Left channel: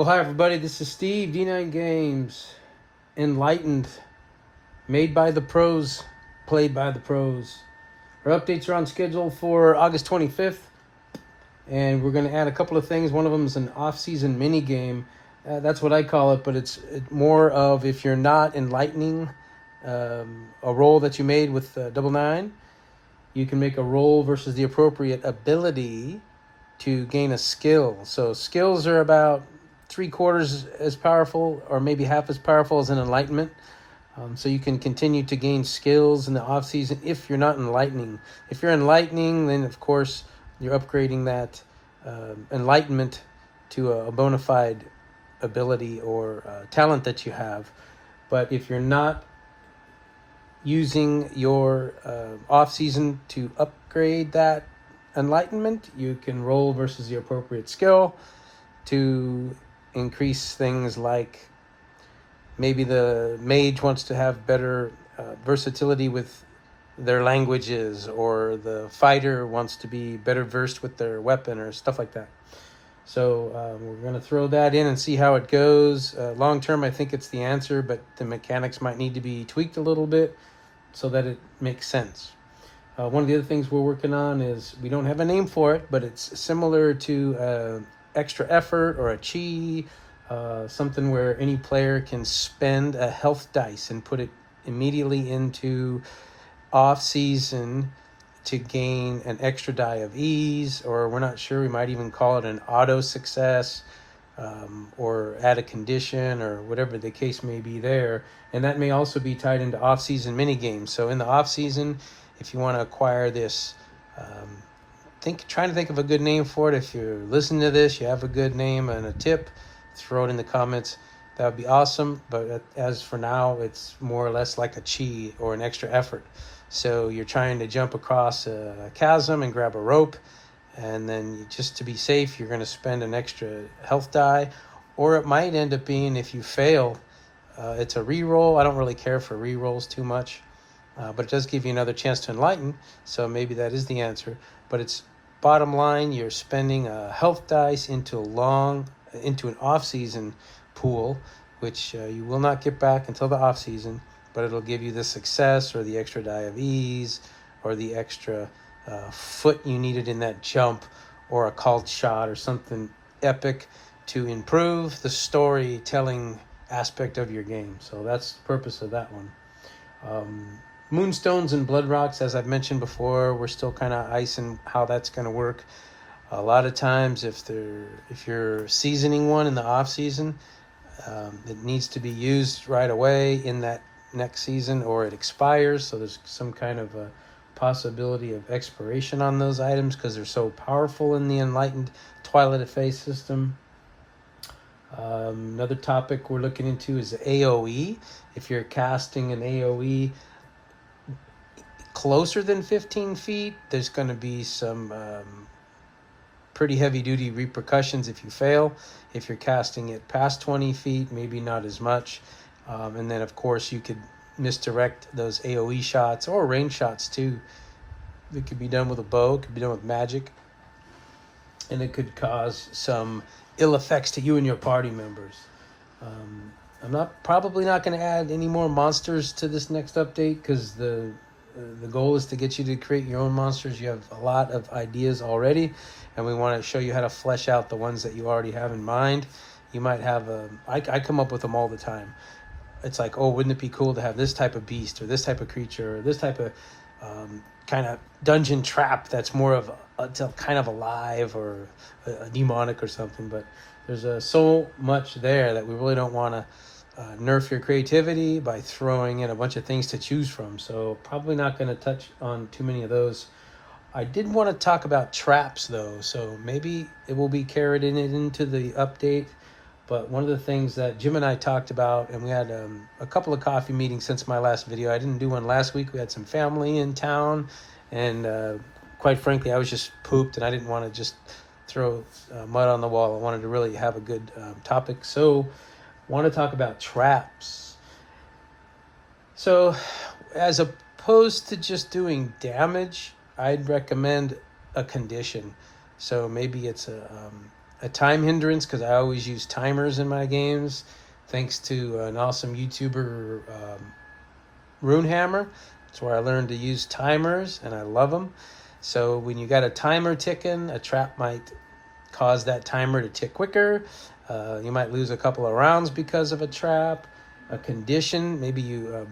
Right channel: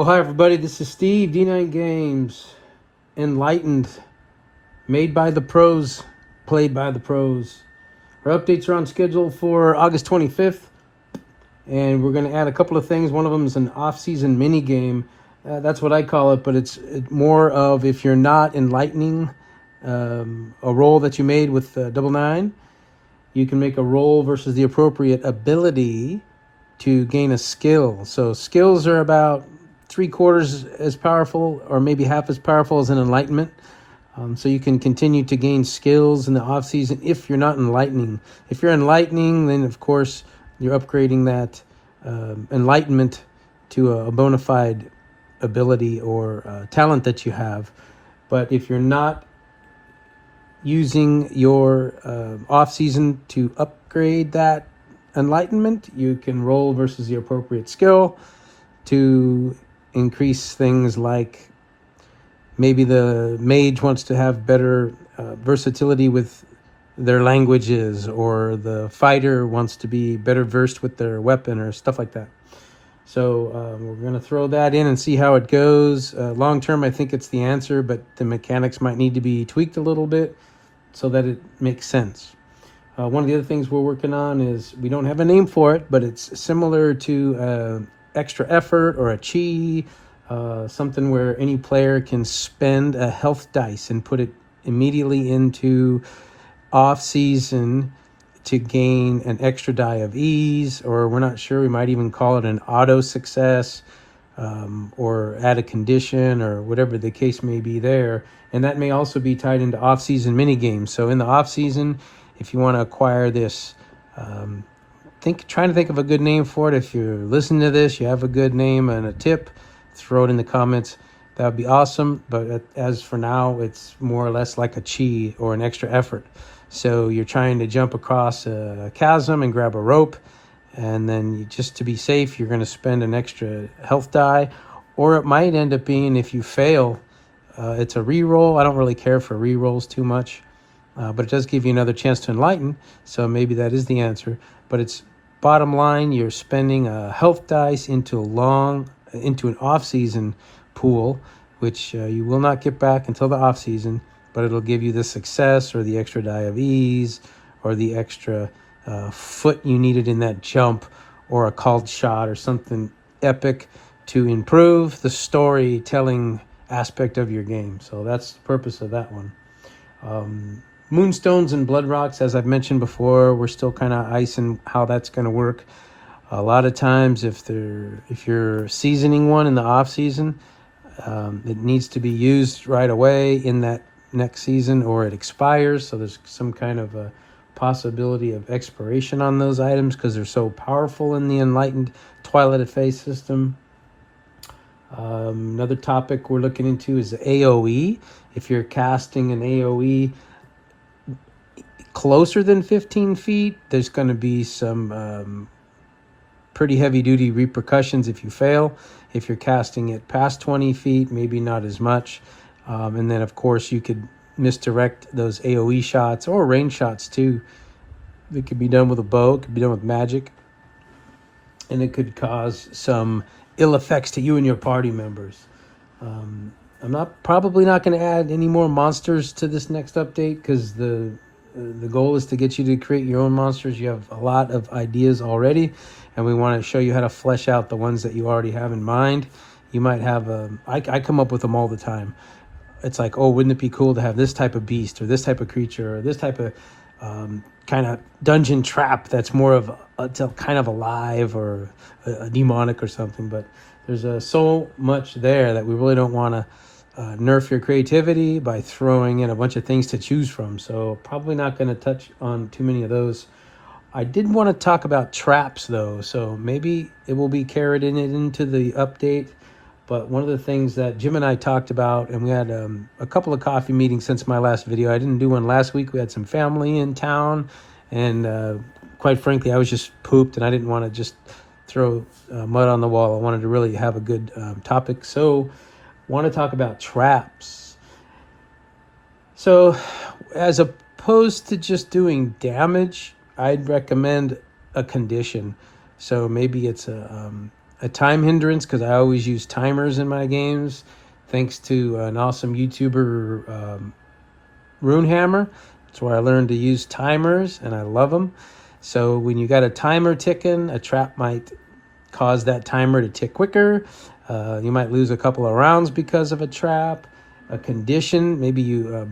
Well, hi everybody, this is Steve, D9 Games, Enlightened, made by the pros, played by the pros. Our updates are on schedule for August 25th, and we're going to add a couple of things. One of them is an off-season mini game. That's what I call it, but it's more of if you're not enlightening a roll that you made with double nine, you can make a roll versus the appropriate ability to gain a skill. So skills are about 3/4 as powerful or maybe half as powerful as an enlightenment. So you can continue to gain skills in the off season if you're not enlightening. If you're enlightening, then of course you're upgrading that enlightenment to a bona fide ability or talent that you have. But if you're not using your off season to upgrade that enlightenment, you can roll versus the appropriate skill to increase things like maybe the mage wants to have better versatility with their languages, or the fighter wants to be better versed with their weapon or stuff like that. So we're going to throw that in and see how it goes. Long term, I think it's the answer, but the mechanics might need to be tweaked a little bit so that it makes sense. One of the other things we're working on is, we don't have a name for it, but it's similar to extra effort or a chi, something where any player can spend a health dice and put it immediately into off season to gain an extra die of ease, or we're not sure, we might even call it an auto success, or add a condition, or whatever the case may be there. And that may also be tied into off-season mini games. So in the off-season, if you want to acquire this, trying to think of a good name for it. If you're listening to this, you have a good name and a tip, throw it in the comments. That would be awesome. But as for now, it's more or less like a chi or an extra effort. So you're trying to jump across a chasm and grab a rope, and then just to be safe, you're going to spend an extra health die. Or it might end up being, if you fail, it's a reroll. I don't really care for rerolls too much, but it does give you another chance to enlighten, so maybe that is the answer. But it's bottom line, you're spending a health dice into an off-season pool, which you will not get back until the off-season, but it'll give you the success or the extra die of ease or the extra foot you needed in that jump, or a called shot or something epic to improve the storytelling aspect of your game. So that's the purpose of that one. Moonstones and blood rocks, as I've mentioned before, we're still kind of icing how that's going to work. A lot of times if you're seasoning one in the off season, it needs to be used right away in that next season, or it expires. So there's some kind of a possibility of expiration on those items because they're so powerful in the enlightened Twilight of Faith system. Another topic we're looking into is AoE. If you're casting an AoE closer than 15 feet, there's going to be some pretty heavy duty repercussions if you fail. If you're casting it past 20 feet, maybe not as much. And then of course you could misdirect those AoE shots, or range shots too. It could be done with a bow, it could be done with magic, and it could cause some ill effects to you and your party members. I'm probably not going to add any more monsters to this next update, because the goal is to get you to create your own monsters. You have a lot of ideas already, and we want to show you how to flesh out the ones that you already have in mind. You might have I come up with them all the time. It's like, oh, wouldn't it be cool to have this type of beast, or this type of creature, or this type of kind of dungeon trap that's more of it's kind of alive, or a demonic or something. But there's so much there that we really don't want to nerf your creativity by throwing in a bunch of things to choose from. So probably not going to touch on too many of those. I did want to talk about traps though, so maybe it will be carried into the update. But one of the things that Jim and I talked about, and we had a couple of coffee meetings since my last video. I didn't do one last week. We had some family in town, and quite frankly, I was just pooped, and I didn't want to just throw mud on the wall. I wanted to really have a good topic. So I want to talk about traps. So as opposed to just doing damage, I'd recommend a condition. So maybe it's a time hindrance because I always use timers in my games, thanks to an awesome YouTuber, Runehammer. It's where I learned to use timers, and I love them. So when you got a timer ticking, a trap might cause that timer to tick quicker. You might lose a couple of rounds because of a trap. A condition, maybe you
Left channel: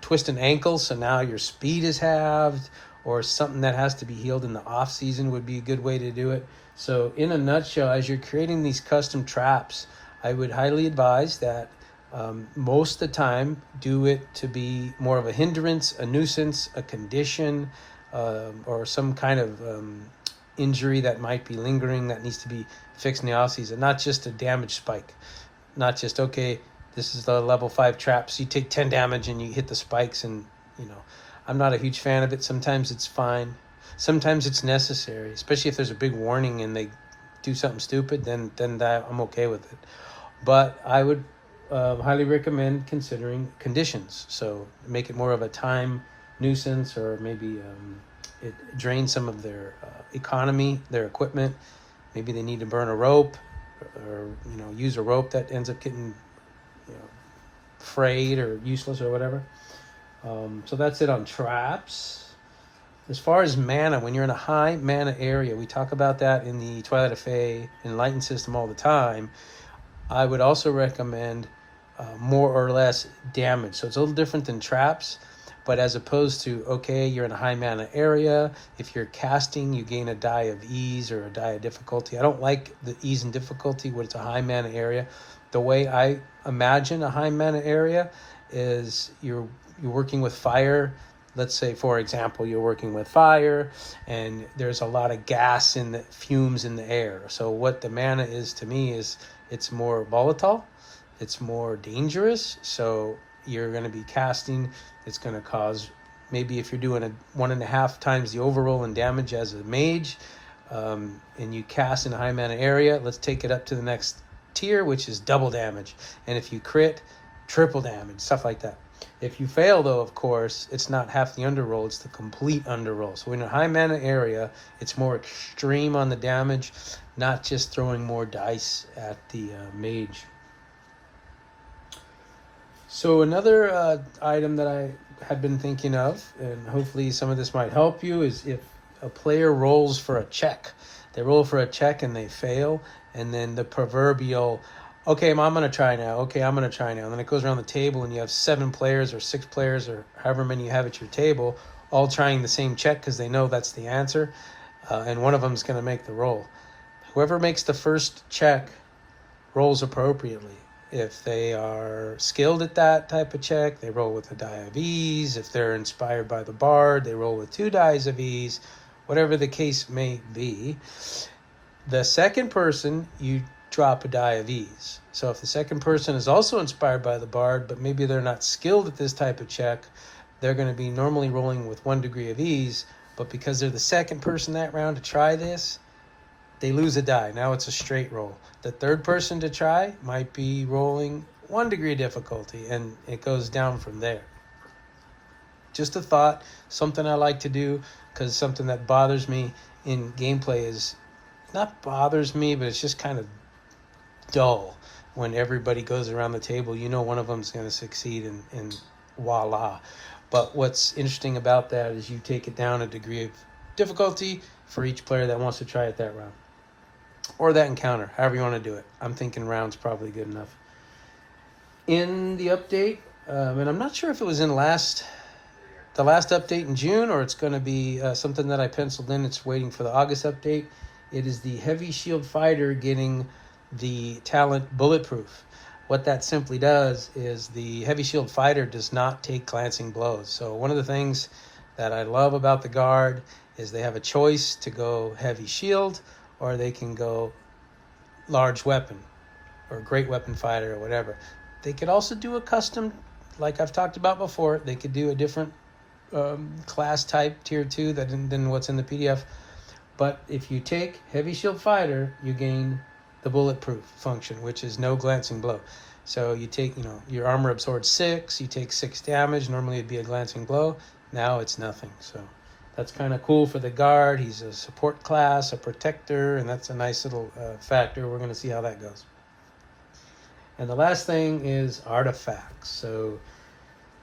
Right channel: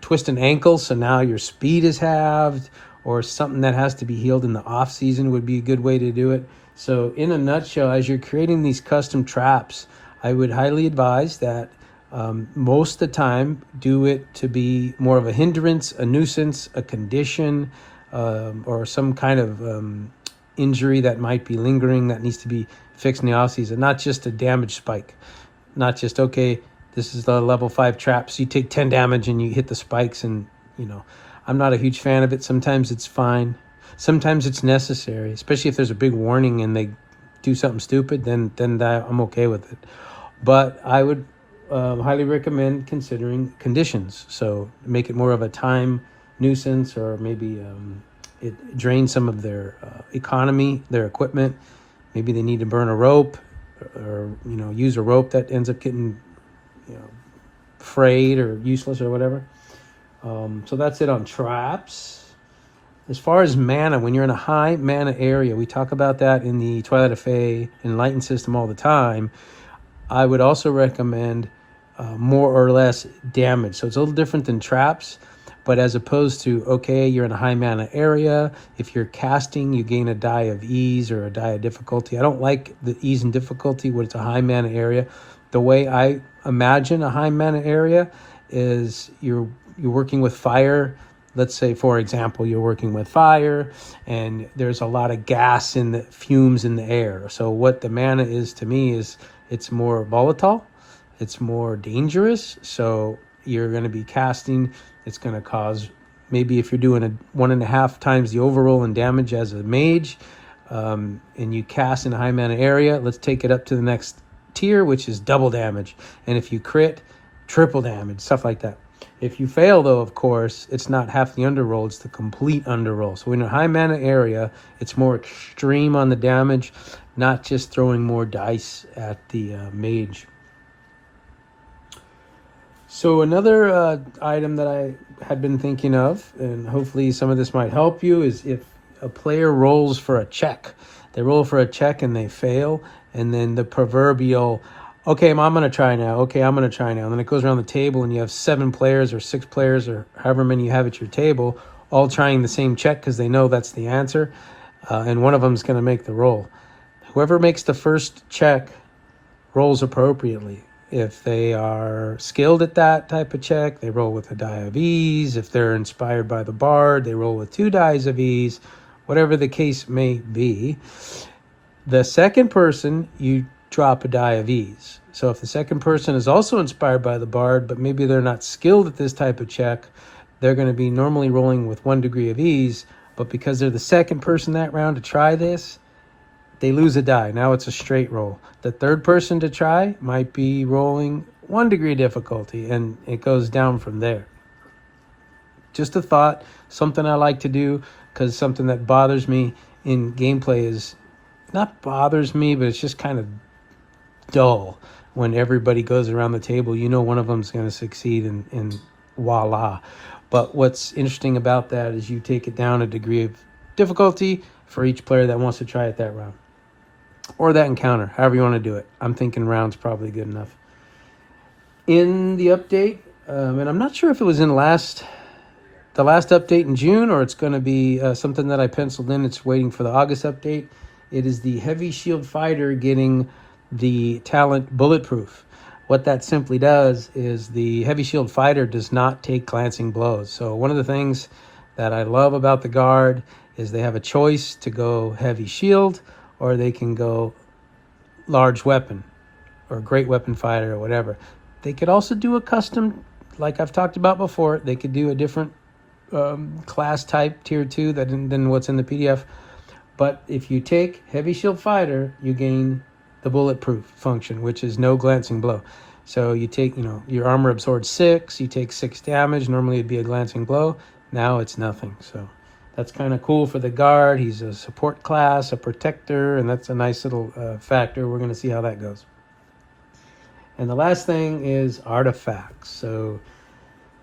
twist an ankle, so now your speed is halved, or something that has to be healed in the off season would be a good way to do it. So in a nutshell, as you're creating these custom traps, I would highly advise that most of the time do it to be more of a hindrance, a nuisance, a condition, or some kind of injury that might be lingering that needs to be fixed in the off season, not just a damage spike. Not just, okay, this is the level 5 trap, so you take 10 damage and you hit the spikes, and I'm not a huge fan of it. Sometimes it's fine, sometimes it's necessary, especially if there's a big warning and they do something stupid, then that I'm okay with it. But I would highly recommend considering conditions, so make it more of a time nuisance, or maybe it drains some of their economy, their equipment. Maybe they need to burn a rope, or use a rope that ends up getting frayed or useless or whatever. So that's it on traps. As far as mana, when you're in a high mana area, we talk about that in the Twilight of Fae Enlightened system all the time. I would also recommend more or less damage. So it's a little different than traps, but as opposed to, okay, you're in a high mana area, if you're casting, you gain a die of ease or a die of difficulty. I don't like the ease and difficulty when it's a high mana area. The way I imagine a high mana area is you're working with fire. Let's say, for example, you're working with fire and there's a lot of gas in the fumes in the air. So what the mana is to me is it's more volatile, it's more dangerous. So you're going to be casting, it's going to cause, maybe if you're doing a 1.5 times the overroll in damage as a mage, and you cast in a high mana area, let's take it up to the next tier, which is double damage. And if you crit, triple damage, stuff like that. If you fail, though, of course, it's not half the underroll, it's the complete underroll. So in a high mana area, it's more extreme on the damage, not just throwing more dice at the mage. So another item that I had been thinking of, and hopefully some of this might help you, is if a player rolls for a check. They roll for a check and they fail, and then the proverbial, okay, I'm going to try now. Okay, I'm going to try now. And then it goes around the table and you have 7 players or 6 players or however many you have at your table, all trying the same check because they know that's the answer. And one of them is going to make the roll. Whoever makes the first check rolls appropriately. If they are skilled at that type of check, they roll with a die of ease. If they're inspired by the bard, they roll with 2 dice of ease. Whatever the case may be. The second person, you drop a die of ease. So if the second person is also inspired by the bard, but maybe they're not skilled at this type of check, they're going to be normally rolling with 1 degree of ease, but because they're the second person that round to try this, they lose a die. Now it's a straight roll. The third person to try might be rolling 1 degree difficulty, and it goes down from there. Just a thought, something I like to do, because something that bothers me in gameplay is, not bothers me, but it's just kind of dull when everybody goes around the table. One of them's going to succeed, and voila. But what's interesting about that is you take it down a degree of difficulty for each player that wants to try it that round. Or that encounter, however you want to do it. I'm thinking round's probably good enough. In the update, and I'm not sure if it was in the last update in June, or it's going to be something that I penciled in. It's waiting for the August update. It is the Heavy Shield Fighter getting the talent Bulletproof. What that simply does is the Heavy Shield Fighter does not take glancing blows. So one of the things that I love about the Guard is they have a choice to go Heavy Shield, or they can go Large Weapon or Great Weapon Fighter or whatever. They could also do a custom, like I've talked about before. They could do a different class type, tier 2, than what's in the PDF. But if you take Heavy Shield Fighter, you gain the Bulletproof function, which is no glancing blow. So you take, your armor absorbs 6, you take 6 damage. Normally it'd be a glancing blow. Now it's nothing. So That's kind of cool for the guard. He's a support class, a protector, and that's a nice little factor. We're going to see how that goes. And the last thing is artifacts. So,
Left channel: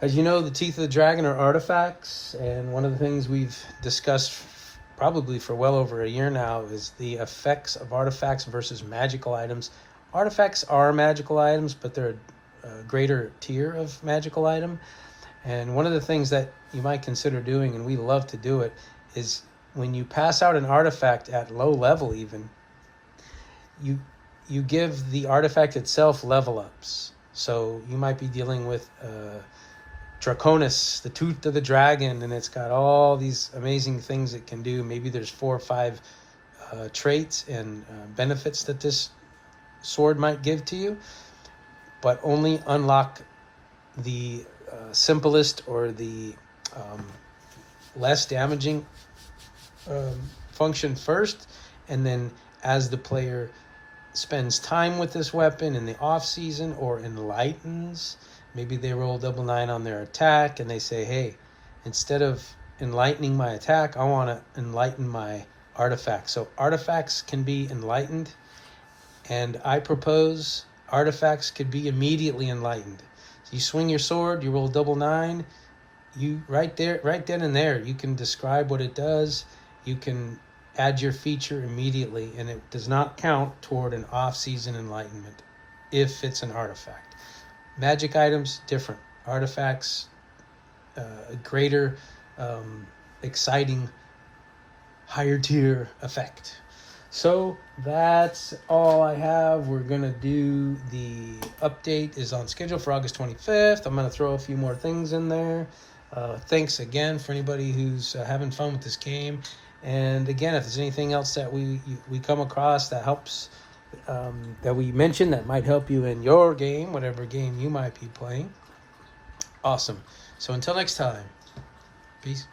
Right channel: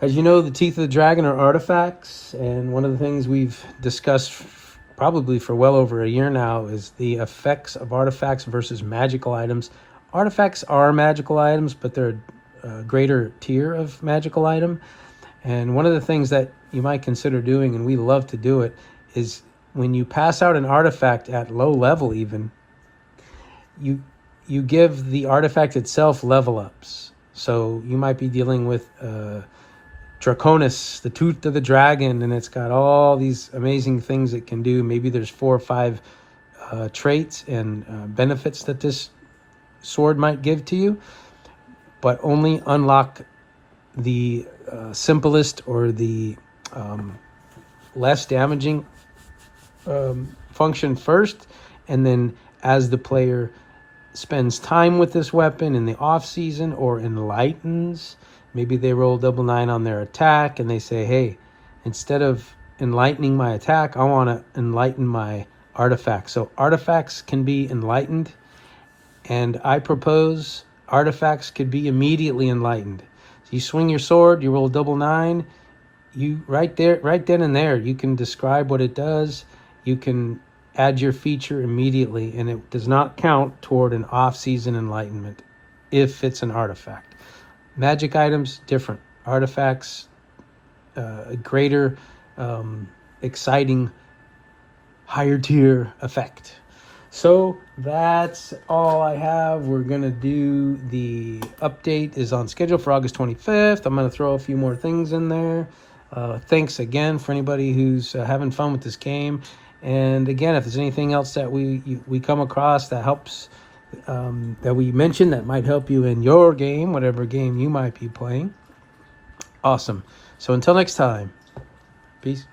as you know, the Teeth of the Dragon are artifacts, and one of the things we've discussed probably for well over a year now is the effects of artifacts versus magical items. Artifacts are magical items, but they're a greater tier of magical item. And one of the things that you might consider doing, and we love to do it, is when you pass out an artifact at low level even, you give the artifact itself level ups. So you might be dealing with Draconis, the Tooth of the Dragon, and it's got all these amazing things it can do. Maybe there's 4 or 5 traits and benefits that this sword might give to you, but only unlock the simplest or the less damaging function first, and then as the player spends time with this weapon in the off season or enlightens, maybe they roll double 9 on their attack and they say, hey, instead of enlightening my attack, I want to enlighten my artifact. So artifacts can be enlightened, and I propose artifacts could be immediately enlightened. You swing your sword, you roll double 9, you right then and there, you can describe what it does. You can add your feature immediately, and it does not count toward an off-season enlightenment if it's an artifact. Magic items, different. Artifacts, a greater, exciting, higher tier effect. So that's all I have. We're going to do the update is on schedule for August 25th. I'm going to throw a few more things in there. Thanks again for anybody who's having fun with this game. And again, if there's anything else that we come across that helps, that we mentioned that might help you in your game, whatever game you might be playing. Awesome. So until next time, peace.